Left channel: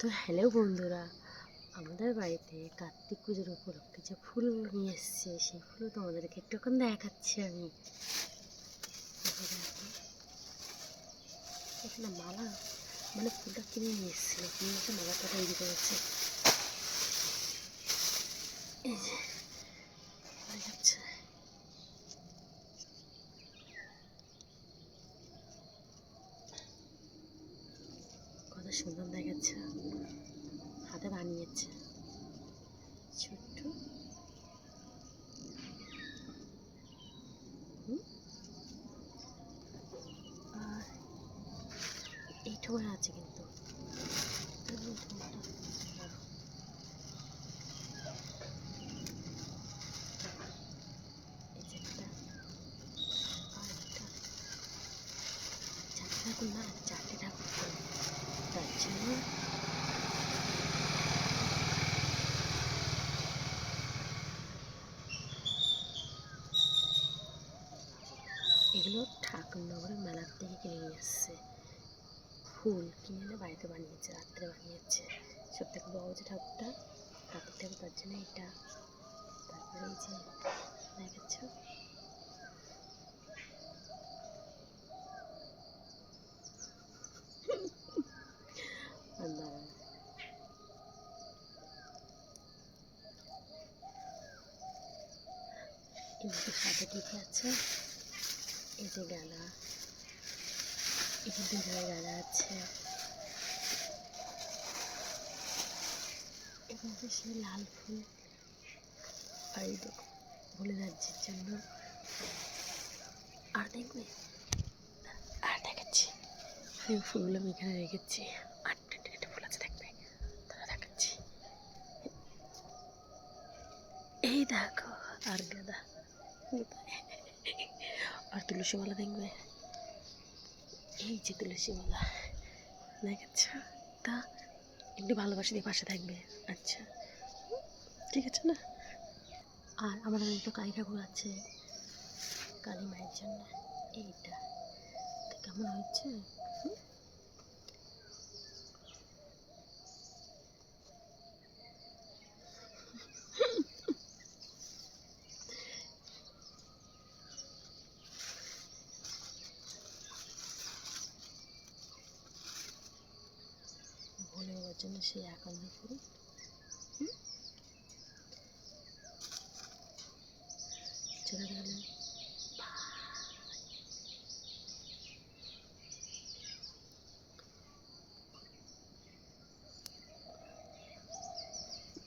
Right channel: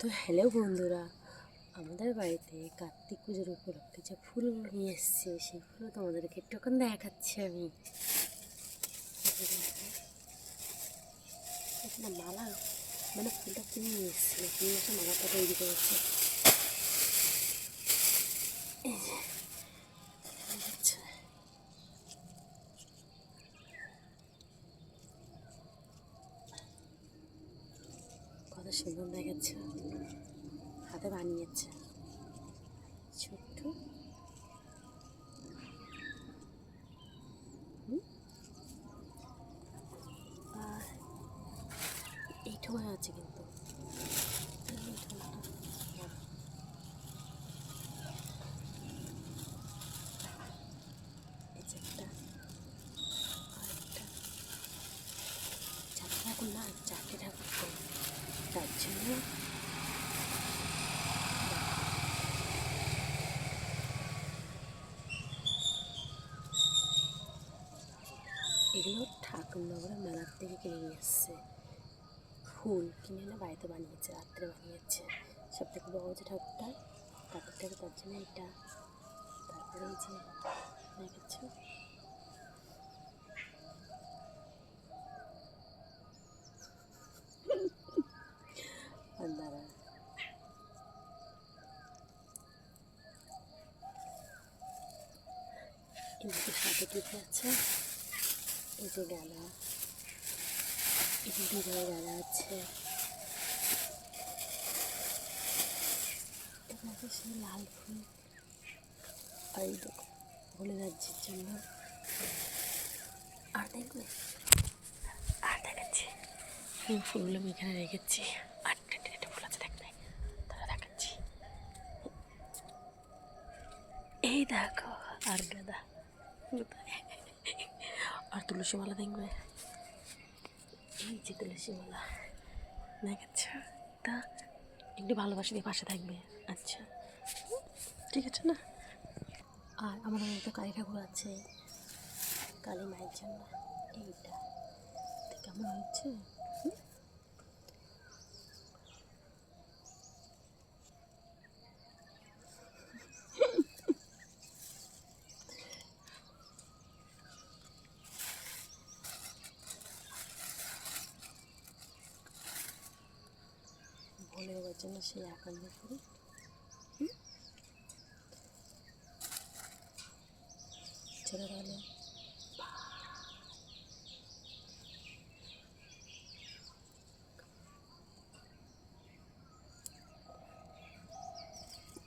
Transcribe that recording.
তো হ্যালো বন্ধুরা, আমাদের বাড়িতে কার্তিক পুজোর উপলক্ষে যে ফুল নিয়ে এসছে সেই ফুলও তোমাদেরকে একটুক্ষণ দেখাচ্ছি আমি। না মালা মানে ফুলটা কিনে নিয়ে এসেছিল, কিনে এসে মালাটা তৈরি করেছে। আচ্ছা, কত সুন্দর দেখাচ্ছে, হাতে বানিয়েছে ছোট্ট। আর এইটাও আছে কিন্তু ঠাকুর না, চারটে ঠাকুর করে তার জন্য এগুলো ঠাকুরনগরের মেলার থেকে কিনে নিয়ে এসছে। ফুল কিনে এনে বাড়িতে বানিয়েছে, রাত্রে বানিয়েছে। সব থেকে বড় যে ঠাকুরটা কার্তিক ঠাকুর, তার জন্য এটা। তারপরে এই যে দেখেছ দাঁড়া, কিন্তু সাথে লিখে আছে এই যে গালা, এই যে দুধের গালা আছে। এখানে সেই লাল ফুল আর এই বলে রাজ্যের জন্য। আর দেখবে, আর দেখাচ্ছি এই ফুলগুলো আমি এখানে রেখেছি। আটটা একটা ফুল আছে দেখবে, তারা দেখাচ্ছি। এই দেখো, আর গাঁদা আর তুলসী মালা দেখবে, এই যে তুলসী মালা দেখাচ্ছ। তা একটু ভালোবাসা দিয়ে পাশে থাকবে। আচ্ছা ঠিক আছে না। আর আমাদের মতো কালী ঠাকুর আছে কালী মায়ের জন্য। এইটা কেমন হচ্ছে, ভোলে দেওয়ার জন্য সেই আকাশ ফুল। চলে গেলে